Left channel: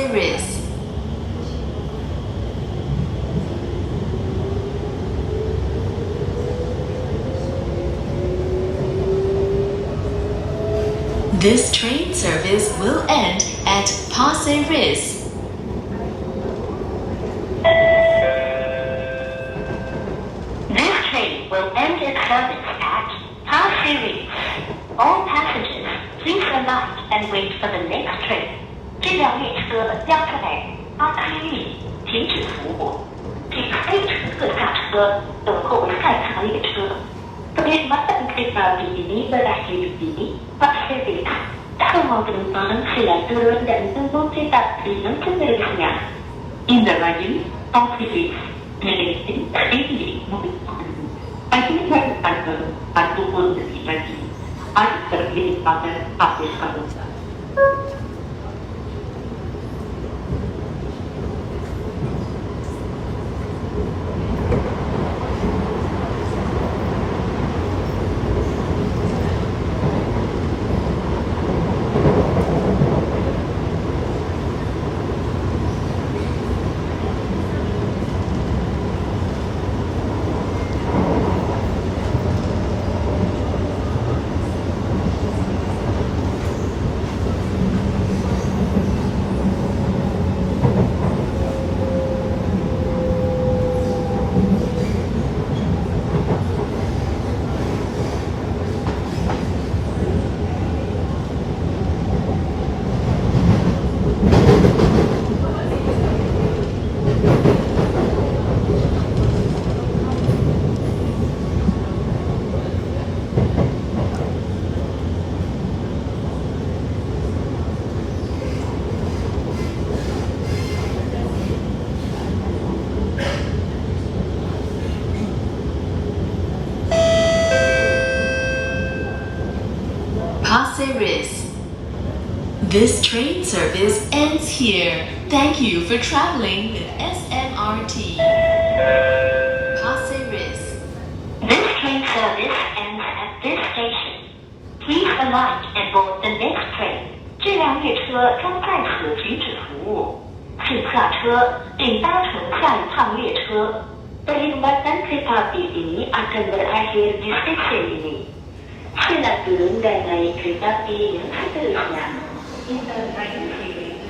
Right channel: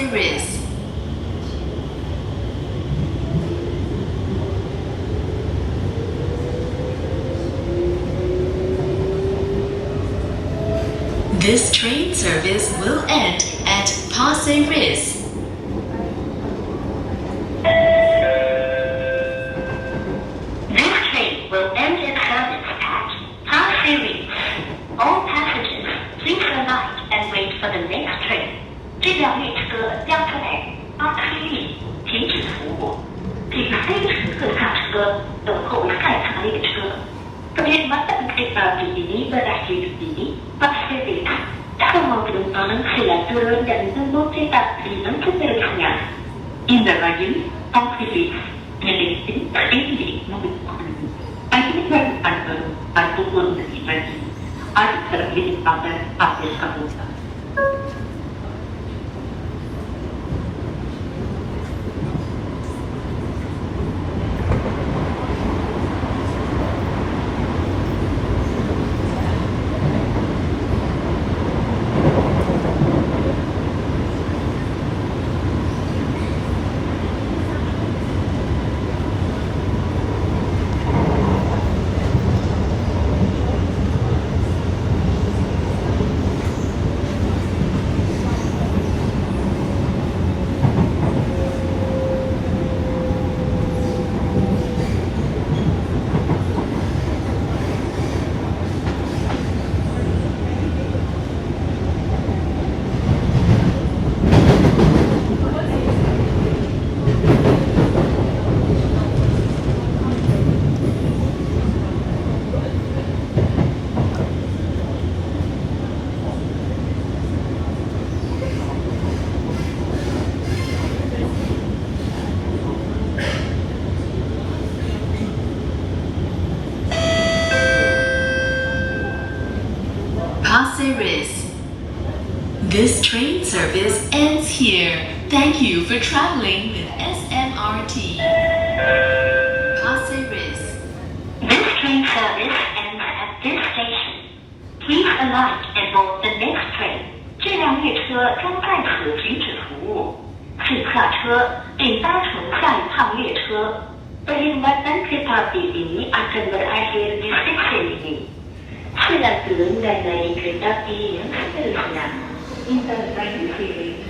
Pasir Ris. This train service will end at Pasir Ris. This train will end its service at Pasir Ris. All passengers, please alight and wait for the next train. 这辆列车将在巴西利停止服务，请非乘客下车，等候下一趟列车。Kekhidmatan kereta api ini berakhir di Pasir Ris. Semua penumpang silakan turun dan tunggu kereta api yang seterusnya. In the region, Pasir Ris, memiliki tinggi mobilitas. Itinerary pukul 7 pagi. Ada terdiri pada Pasir Ris. Pasir Ris. This train service ends here. Thank you for traveling with SMRT. Pasir Ris. This train service ends at this station. Please alight and board the next train. 这辆列车将在此停止服务，请下车并搭乘下一趟列车。Kekhidmatan kereta api ini akan berakhir di stesen ini. Silakan turun dan naik kereta api yang seterusnya. In the train series,